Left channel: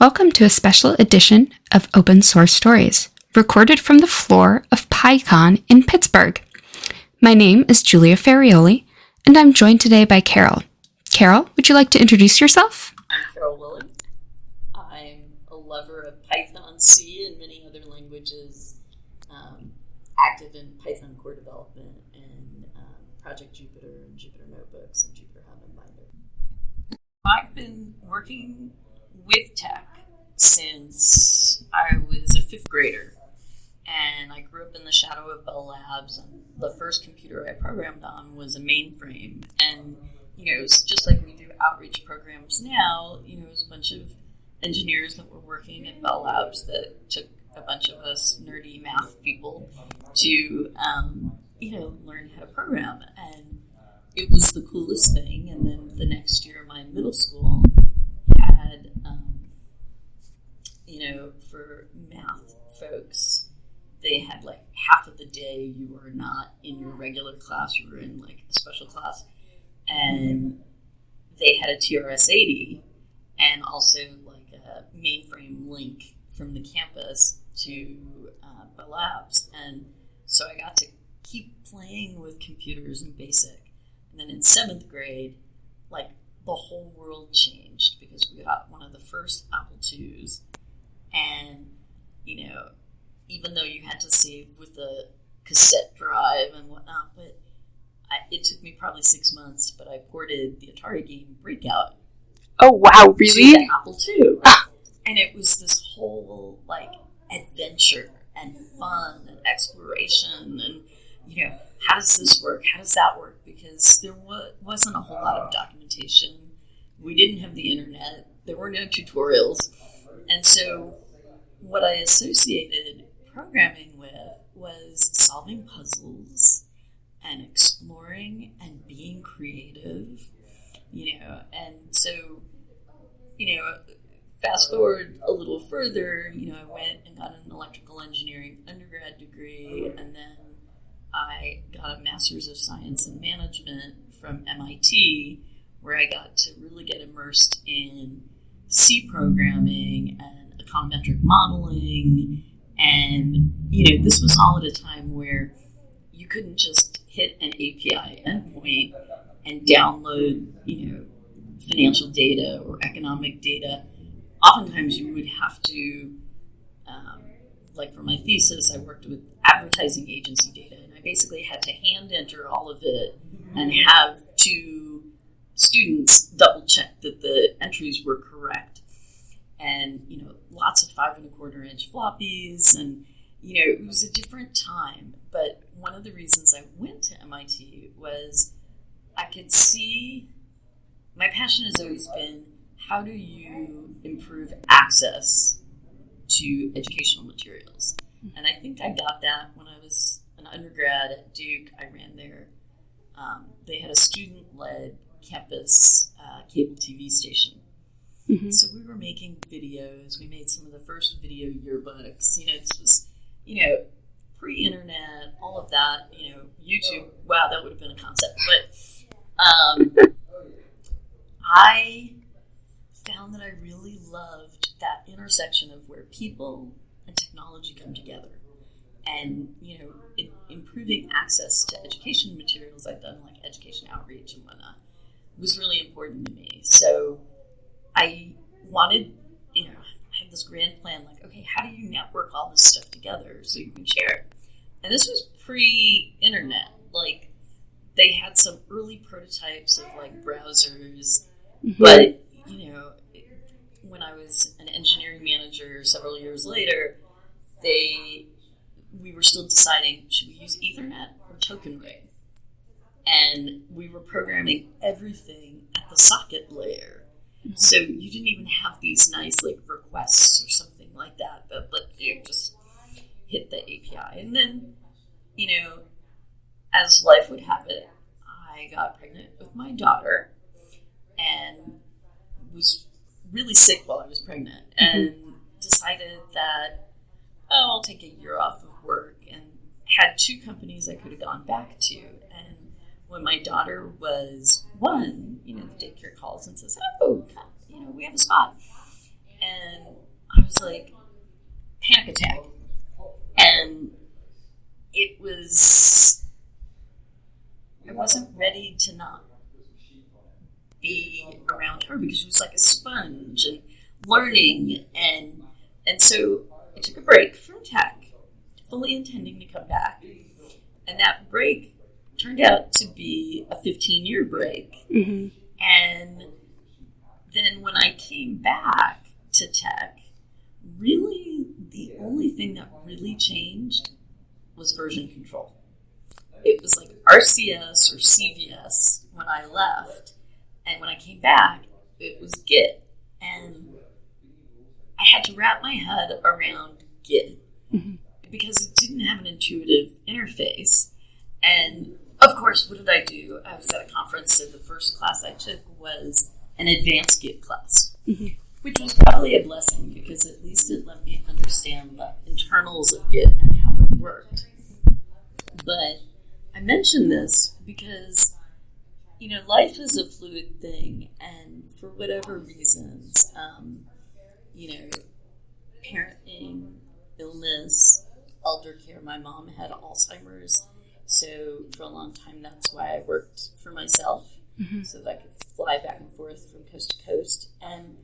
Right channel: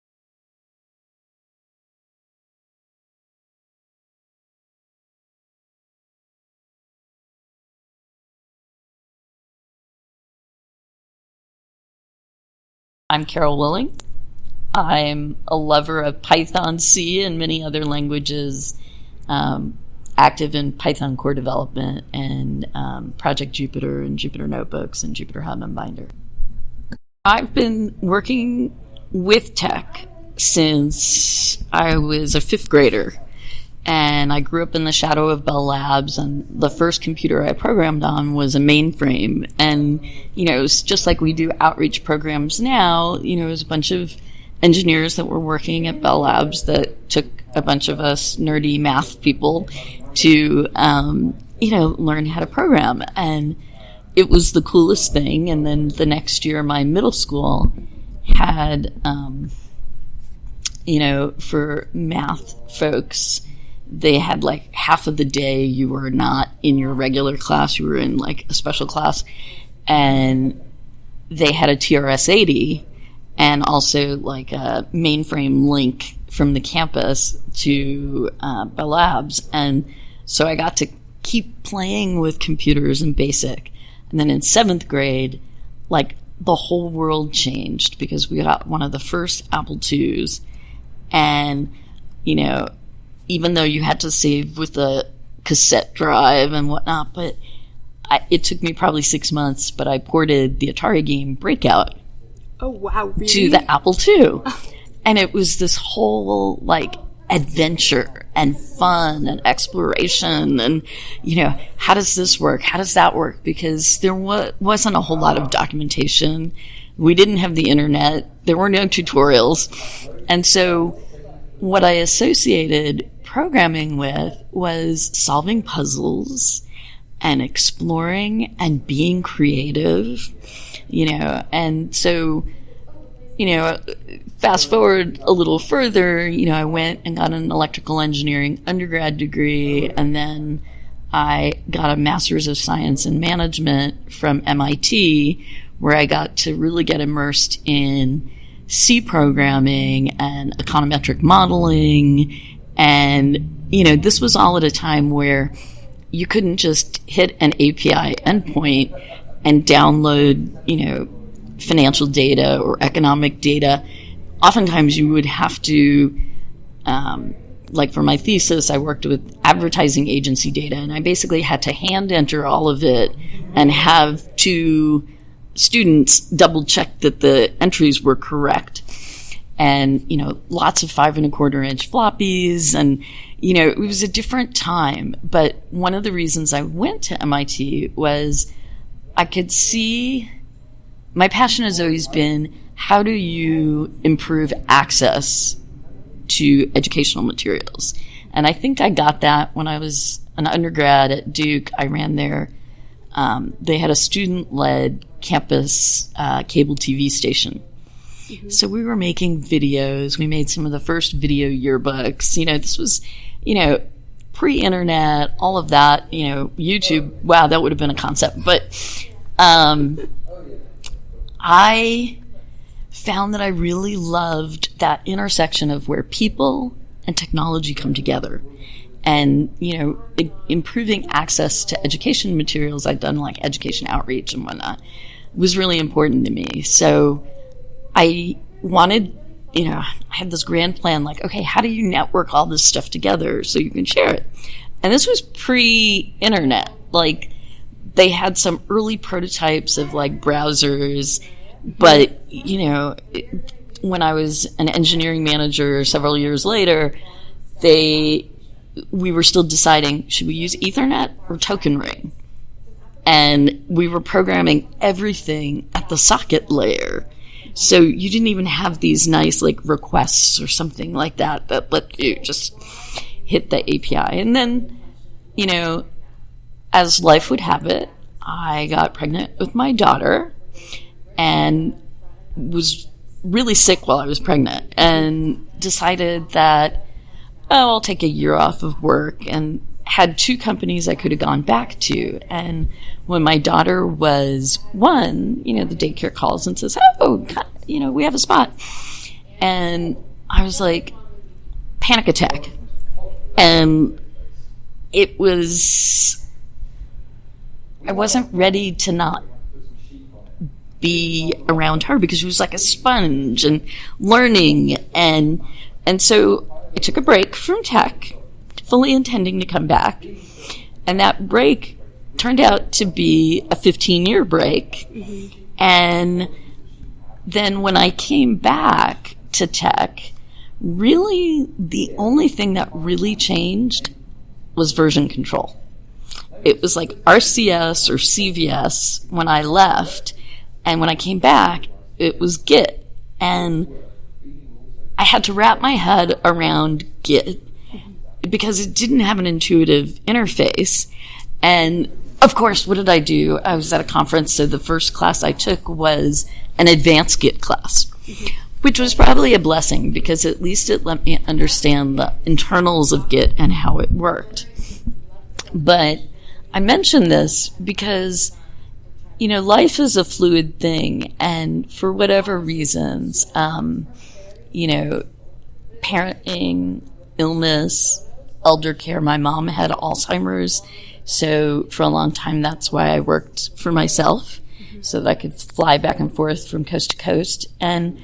Welcome to a special edition of Open Source Stories, recorded from the floor of PyCon in Pittsburgh. My name is Julia Ferrioli, and I'm joined today by Carol. Carol, would you like to introduce yourself? I'm Carol Willing. I'm a lover of Python, C, and many other languages, active in Python core development and Project Jupyter and Jupyter Notebooks and Jupyter Hub and Binder. I've been working with tech since I was a fifth grader, and I grew up in the shadow of Bell Labs, and the first computer I programmed on was a mainframe. And it was just like we do outreach programs now. It was a bunch of engineers that were working at Bell Labs that took a bunch of us nerdy math people to learn how to program, and it was the coolest thing. And then the next year my middle school had, for math folks, they had like half of the day you were not in your regular class, you were in like a special class, and they had a TRS-80 and also like a mainframe link from the campus to Bell Labs. And so I got to keep playing with computers in BASIC. And then in seventh grade, like, the whole world changed because we got one of the first Apple IIs, and even though you had to save with a cassette drive and whatnot, but it took me probably 6 months, but I ported the Atari game Breakout. Oh wow, really? To the Apple II. And it was this whole like adventure and fun and exploration, and how does this work, how does that work, because there wasn't a whole lot of documentation. We didn't have the internet, there were no tutorials. And so what I associated programming with was solving puzzles and exploring and being creative, and so fast forward a little further, I went and got an electrical engineering undergrad degree, and then I got a master's of science in management from MIT, where I got to really get immersed in C programming and econometric modeling. And, this was all at a time where you couldn't just hit an API endpoint and download, financial data or economic data. Oftentimes you would have to, like for my thesis, I worked with advertising agency data, and I basically had to hand enter all of it and have two students double check that the entries were correct. And, lots of 5.25-inch floppies, and, it was a different time. But one of the reasons I went to MIT was I could see, my passion has always been, how do you improve access to educational materials? And I think I got that when I was an undergrad at Duke. I ran they had a student-led campus cable TV station. Mm-hmm. So we were making videos. We made some of the first video yearbooks. This was, pre-internet, all of that, YouTube. Wow, that would have been a concept. But I found that I really loved that intersection of where people and technology come together. And, improving access to education materials, I'd done like education outreach and whatnot, was really important to me. So I wanted, I had this grand plan, like, okay, how do you network all this stuff together so you can share it? And this was pre-internet. Like, they had some early prototypes of like browsers, but when I was an engineering manager several years later, we were still deciding, should we use Ethernet or token ring? And we were programming everything at the socket layer. So you didn't even have these nice like requests or something like that let you just hit the API. And then, as life would have it, I got pregnant with my daughter and was really sick while I was pregnant, and decided that, I'll take a year off of work, and had two companies I could have gone back to. And when my daughter was 1, the daycare calls and says, oh, we have a spot. And I was like, panic attack. And I wasn't ready to not be around her because she was like a sponge and learning. And so I took a break from tech, fully intending to come back. And that break turned out to be a 15-year break. Mm-hmm. And then when I came back to tech, really the only thing that really changed was version control. It was like RCS or CVS when I left, and when I came back, it was Git. And I had to wrap my head around Git because it didn't have an intuitive interface. And of course, what did I do? I was at a conference, so the first class I took was an advanced Git class, which was probably a blessing because at least it let me understand the internals of Git and how it worked. But I mention this because, life is a fluid thing, and for whatever reasons, parenting, illness, elder care. My mom had Alzheimer's, so for a long time that's why I worked for myself, so that I could fly back and forth from coast to coast. And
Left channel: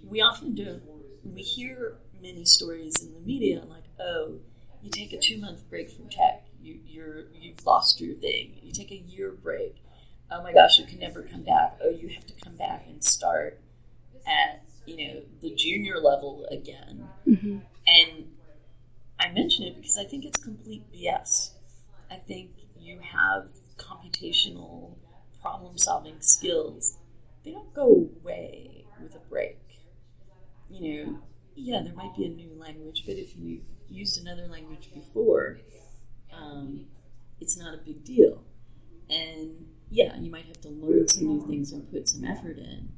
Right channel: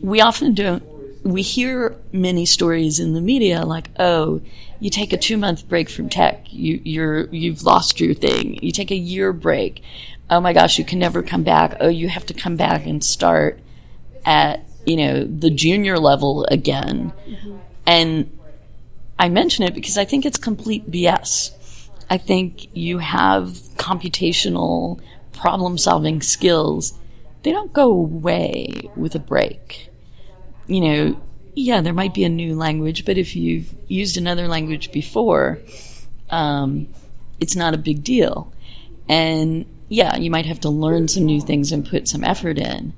we often we hear many stories in the media like, oh, you take a 2-month break from tech, you've lost your thing. You take a year break, oh my gosh, you can never come back. Oh, you have to come back and start at the junior level again. Mm-hmm. And I mention it because I think it's complete BS. I think you have computational problem-solving skills. They don't go away with a break. Yeah, there might be a new language, but if you've used another language before, it's not a big deal. And yeah, you might have to learn some new things and put some effort in.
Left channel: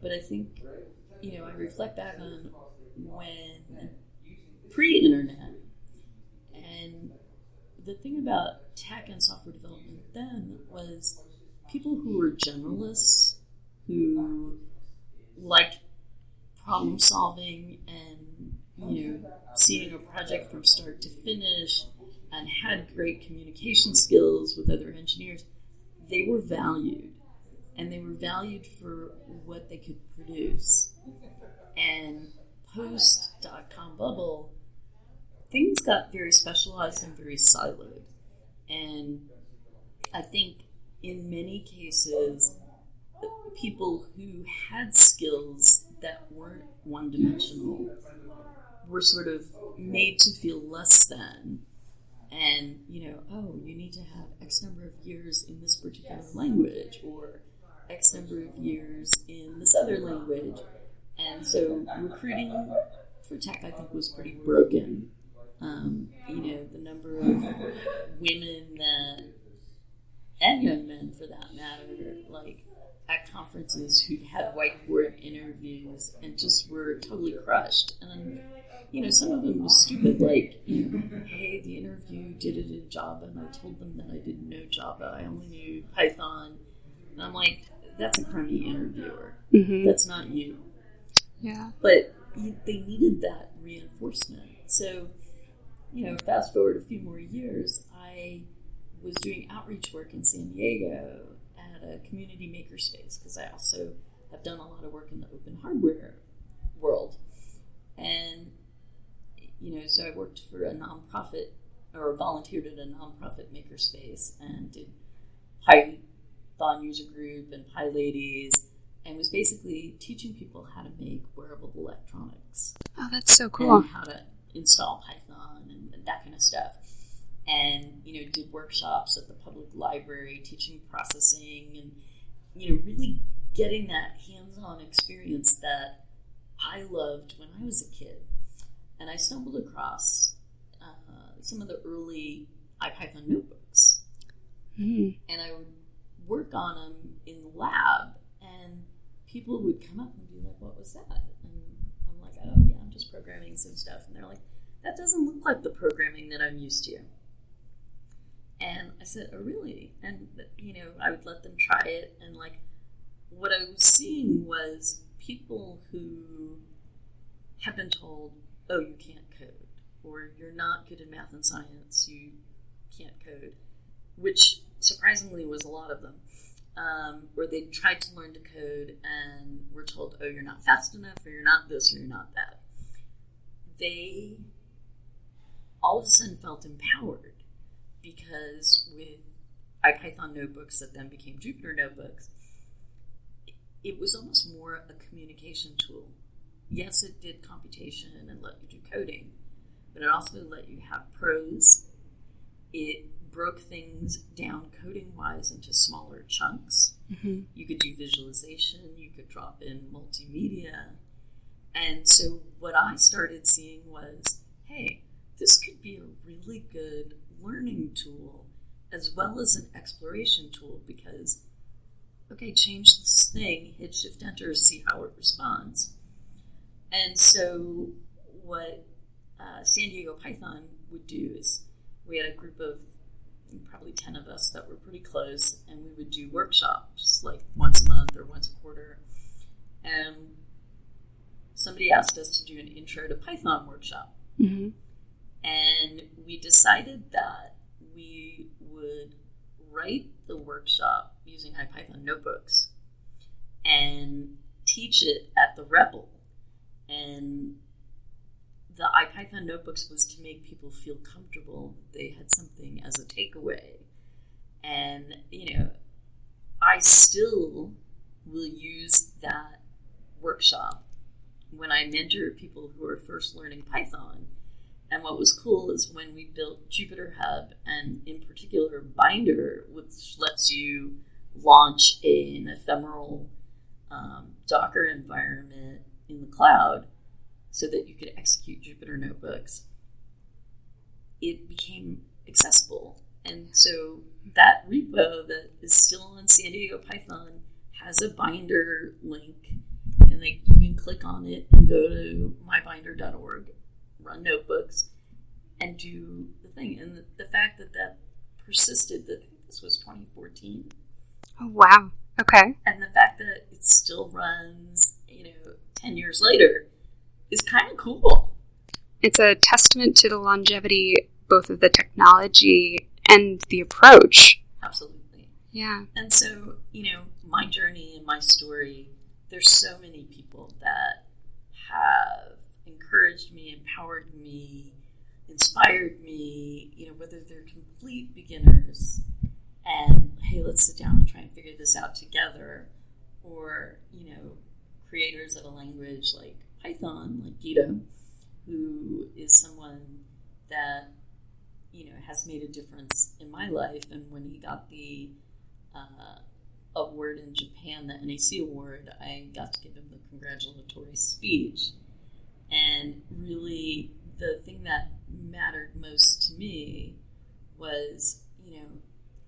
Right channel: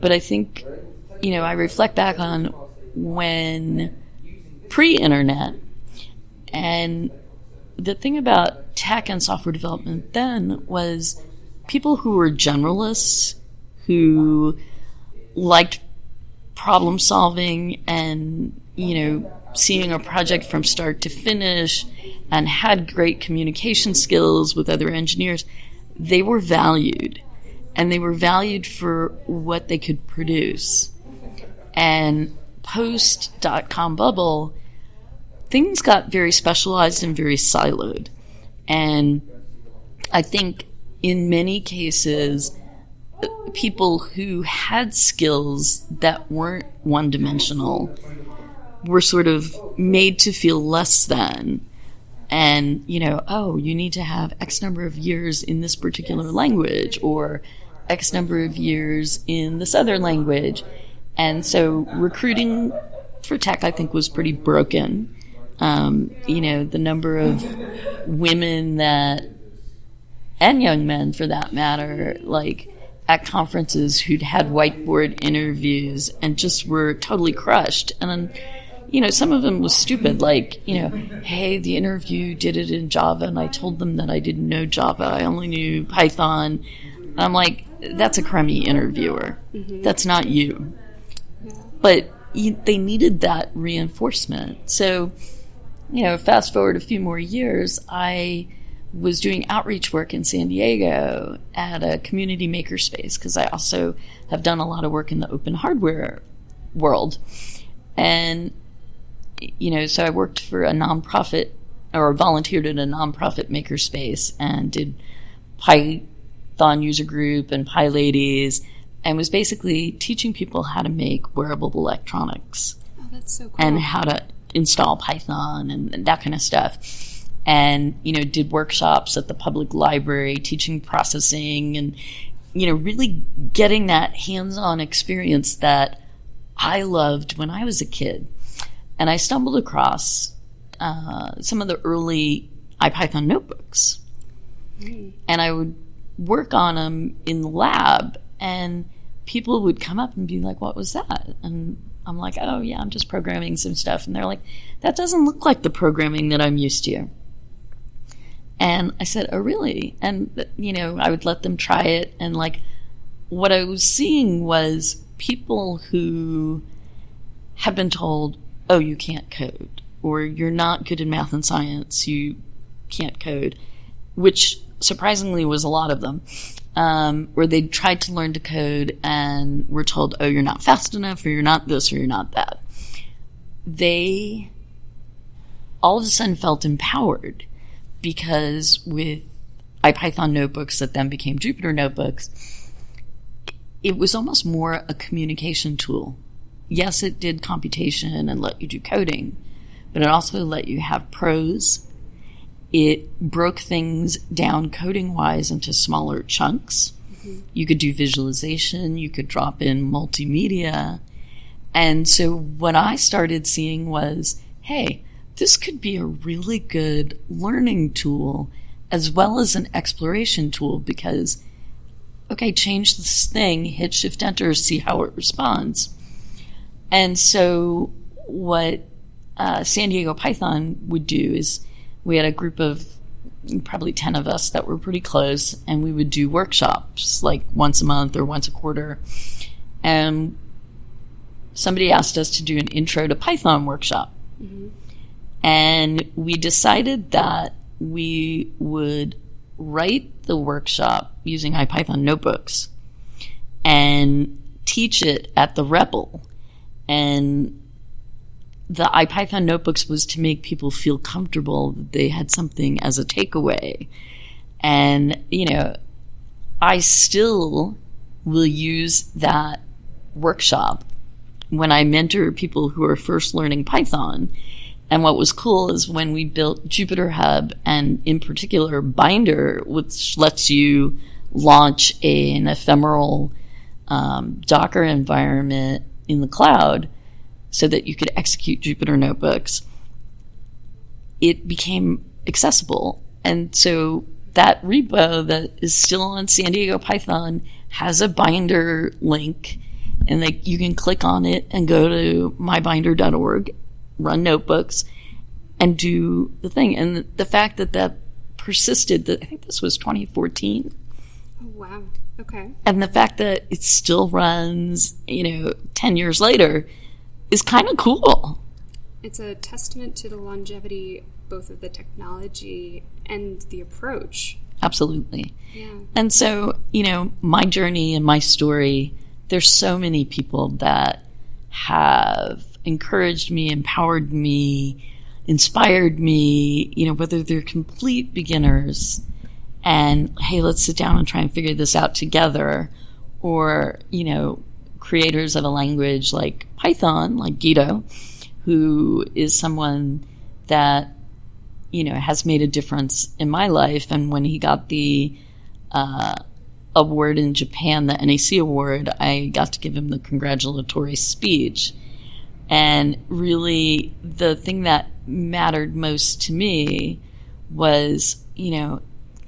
But I think, I reflect back on when pre-internet, and the thing about tech and software development then was people who were generalists, who liked problem solving and, seeing a project from start to finish and had great communication skills with other engineers, they were valued. And they were valued for what they could produce. And post-dot-com bubble, things got very specialized and very siloed. And I think in many cases, people who had skills that weren't one-dimensional were sort of made to feel less than. And, oh, you need to have X number of years in this particular language or X number of years in this other language. And so recruiting for tech, I think, was pretty broken. The number of women and young men for that matter, like at conferences who'd had whiteboard interviews and just were totally crushed. And then, some of them was stupid, like, hey, the interview did it in Java, and I told them that I didn't know Java, I only knew Python. And I'm like, that's a crummy interviewer. Mm-hmm. That's not you. Yeah. But they needed that reinforcement. So, fast forward a few more years, I was doing outreach work in San Diego at a community makerspace because I also have done a lot of work in the open hardware world. And, so I worked for a nonprofit or volunteered at a nonprofit makerspace and did Python user group and PyLadies and was basically teaching people how to make wearable electronics. Oh, that's so cool. And how to install Python and that kind of stuff. And, did workshops at the public library, teaching processing and, really getting that hands-on experience that I loved when I was a kid. And I stumbled across some of the early IPython notebooks. Mm. And I would work on them in the lab, and people would come up and be like, what was that? And I'm like, oh, yeah, I'm just programming some stuff. And they're like, that doesn't look like the programming that I'm used to. And I said, oh, really? And, I would let them try it. And, what I was seeing was people who have been told, oh, you can't code, or you're not good in math and science, you can't code, which surprisingly was a lot of them, where they tried to learn to code and were told, oh, you're not fast enough, or you're not this, or you're not that. They all of a sudden felt empowered because with Python notebooks that then became Jupyter Notebooks, it was almost more a communication tool. Yes, it did computation and let you do coding, but it also let you have prose. It broke things down coding-wise into smaller chunks. Mm-hmm. You could do visualization. You could drop in multimedia. And so what I started seeing was, hey, this could be a really good learning tool as well as an exploration tool because, okay, change this thing, hit Shift-Enter, see how it responds. And so what San Diego Python would do is we had a group of probably 10 of us that were pretty close, and we would do workshops like once a month or once a quarter. And somebody asked us to do an intro to Python workshop. Mm-hmm. And we decided that we would write the workshop using Python notebooks and teach it at the REPL. And the Python notebooks was to make people feel comfortable that they had something as a takeaway. And, I still will use that workshop when I mentor people who are first learning Python. And what was cool is when we built Jupyter Hub, and in particular Binder, which lets you launch an ephemeral Docker environment in the cloud so that you could execute Jupyter Notebooks, it became accessible. And so that repo that is still on San Diego Python has a Binder link, and you can click on it and go to mybinder.org, run notebooks, and do the thing. And the fact that persisted, I think this was 2014. Oh, wow. Okay. And the fact that it still runs, 10 years later is kind of cool. It's a testament to the longevity, both of the technology and the approach. Absolutely. Yeah. And so, my journey and my story, there's so many people that have encouraged me, empowered me, inspired me, whether they're complete beginners and, hey, let's sit down and try and figure this out together, or, creators of a language like Python, like Guido, who is someone that, has made a difference in my life. And when he got the award in Japan, the NAC award, I got to give him the congratulatory speech. And really, the thing that mattered most to me was,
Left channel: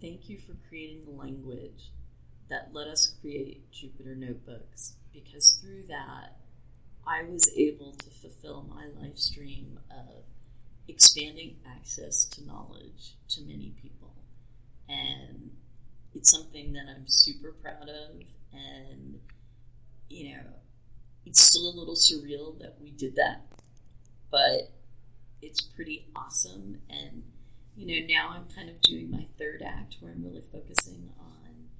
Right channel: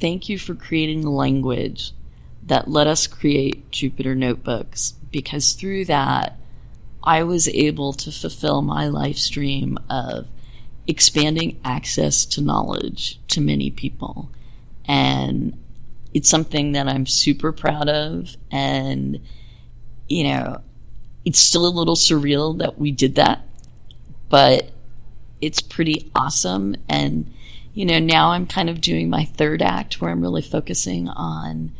thank you for creating a language that let us create Jupyter Notebooks, because through that, I was able to fulfill my life stream of expanding access to knowledge to many people. And it's something that I'm super proud of. And, it's still a little surreal that we did that, but it's pretty awesome. And, now I'm kind of doing my third act where I'm really focusing on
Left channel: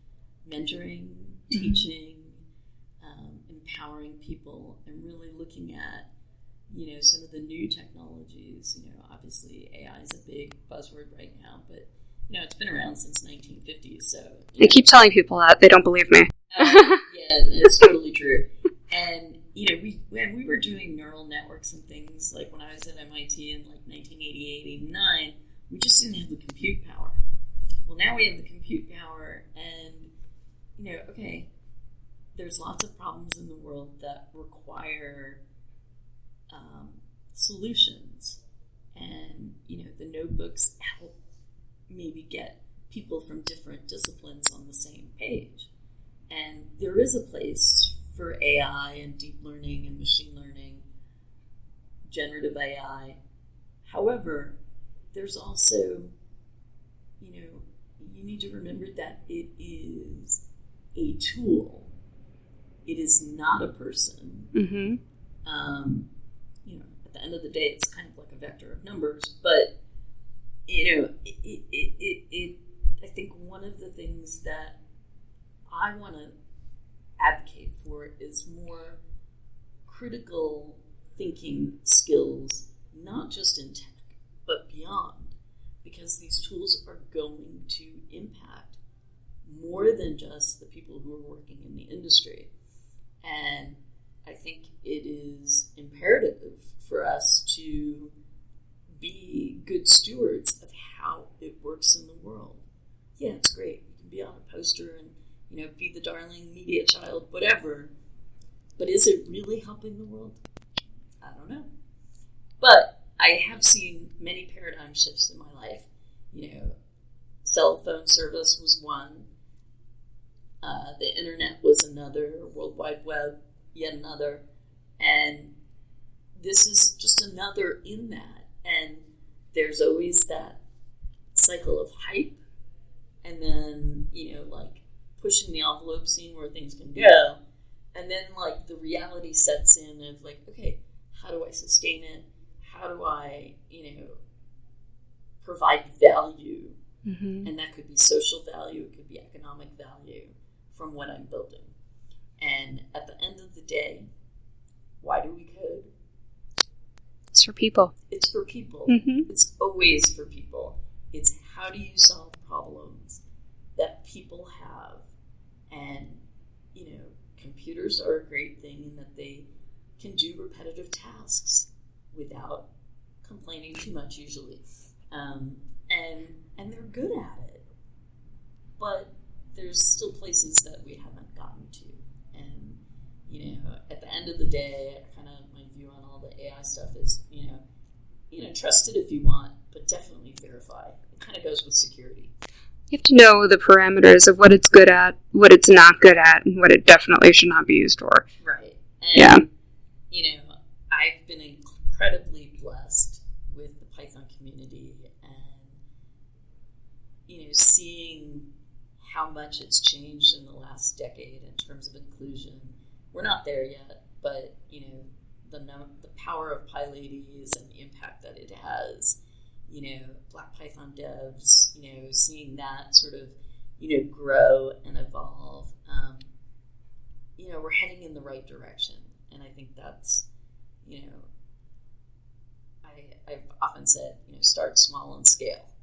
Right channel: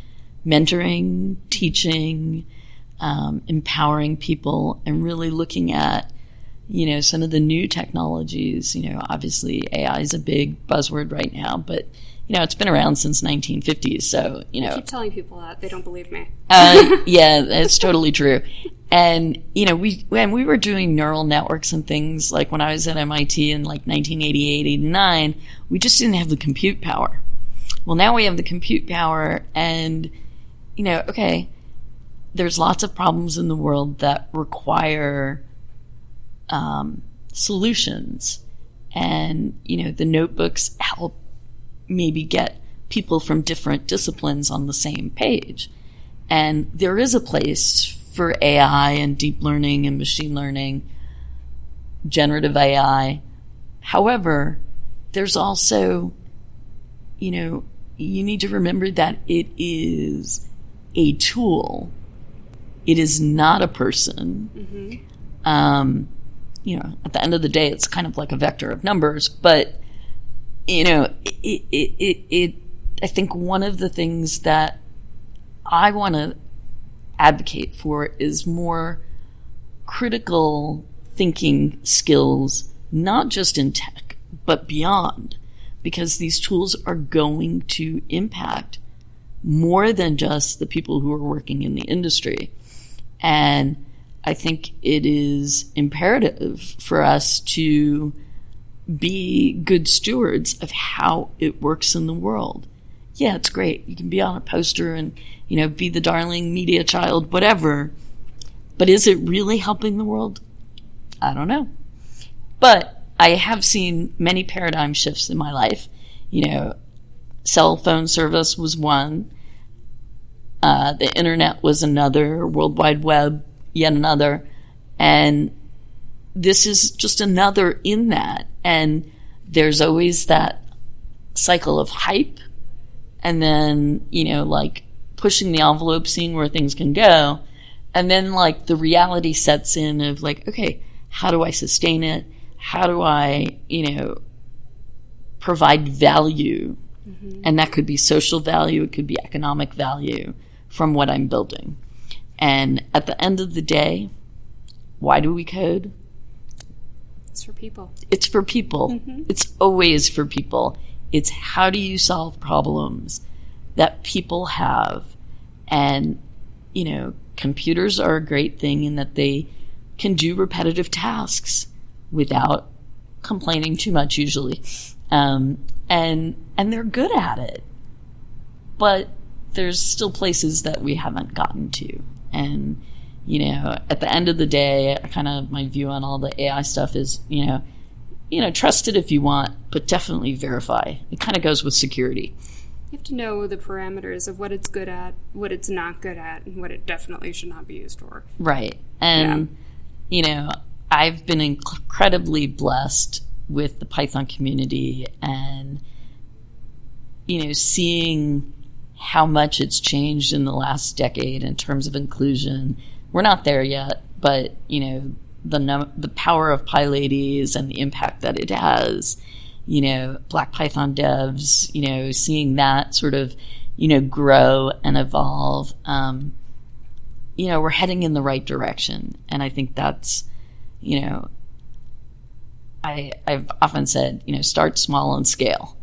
mentoring, teaching, empowering people, and really looking at, some of the new technologies. Obviously AI is a big buzzword right now, but, it's been around since 1950s. So, I keep telling people that. They don't believe me. Yeah, it's totally true. And, when we were doing neural networks and things, like when I was at MIT in like 1988, 89, we just didn't have the compute power. Well, now we have the compute power, and, okay, there's lots of problems in the world that require solutions. And, the notebooks help maybe get people from different disciplines on the same page. And there is a place for AI and deep learning and machine learning, generative AI. However, there's also, you need to remember that it is a tool. It is not a person. Mm-hmm. at the end of the day, it's kind of like a vector of numbers. But, I think one of the things that I want to advocate for is more critical thinking skills, not just in tech, but beyond, because these tools are going to impact more than just the people who are working in the industry. And I think it is imperative for us to be good stewards of how it works in the world. Yeah, it's great. You can be on a poster and, be the darling media child, whatever. But is it really helping the world? I don't know. But I have seen many paradigm shifts in my life. Cell phone service was one. The internet was another. World Wide Web, yet another. And this is just another in that. And there's always that cycle of hype. And then, pushing the envelope, seeing where things can go. And then, the reality sets in of, okay, how do I sustain it? How do I, provide value? Mm-hmm. And that could be social value, it could be economic value from what I'm building. And at the end of the day, why do we code? It's for people. It's for people. Mm-hmm. It's always for people. It's how do you solve problems that people have? And, computers are a great thing in that they can do repetitive tasks without complaining too much usually. And they're good at it. But there's still places that we haven't gotten to. And, at the end of the day, my view on all the AI stuff is, trust it if you want, but definitely verify. It kind of goes with security. You have to know the parameters of what it's good at, what it's not good at, and what it definitely should not be used for. Right. And, I've been incredibly blessed with the Python community and, seeing how much it's changed in the last decade in terms of inclusion. We're not there yet, but, the power of PyLadies and the impact that it has, Black Python devs, seeing that sort of, grow and evolve, we're heading in the right direction. And I think that's, I've often said, start small and scale.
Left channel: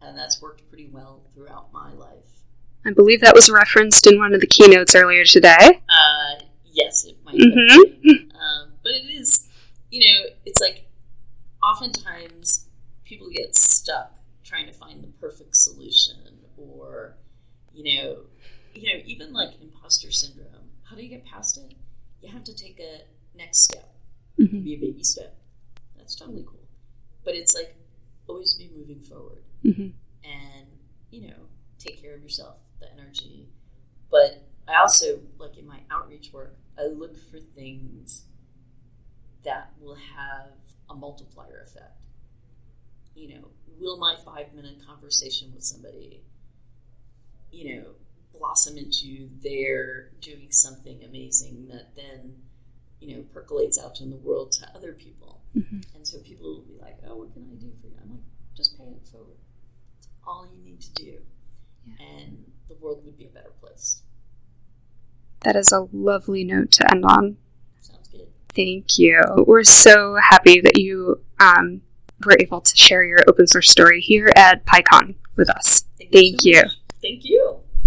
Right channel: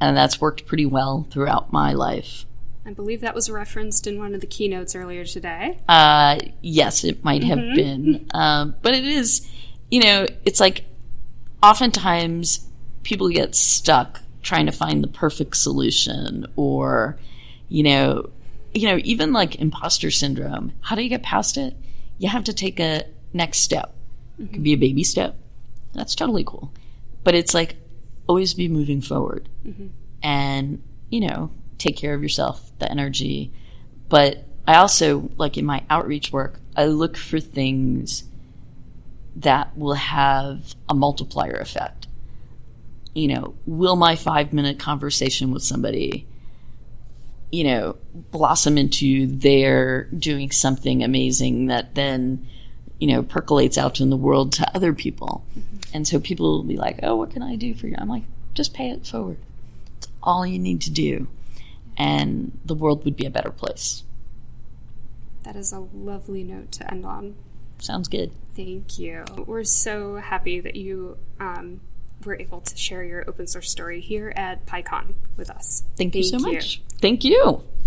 And that's worked pretty well throughout my life. I believe that was referenced in one of the keynotes earlier today. Yes, it might have been. But it is, it's oftentimes people get stuck trying to find the perfect solution or, even imposter syndrome. How do you get past it? You have to take a next step. Mm-hmm. It could be a baby step. That's totally cool. But it's always be moving forward. Mm-hmm. And, take care of yourself, the energy. But I also, in my outreach work, I look for things that will have a multiplier effect. Will my 5-minute conversation with somebody, blossom into their doing something amazing that then, percolates out in the world to other people. Mm-hmm. And so people will be like, oh, what can I do for you? I'm like, just pay it forward. It's all you need to do. And the world would be a better place. That is a lovely note to end on. Sounds good. Thank you. We're so happy that you were able to share your open source story here at PyCon with us. Thank you so much. Thank you.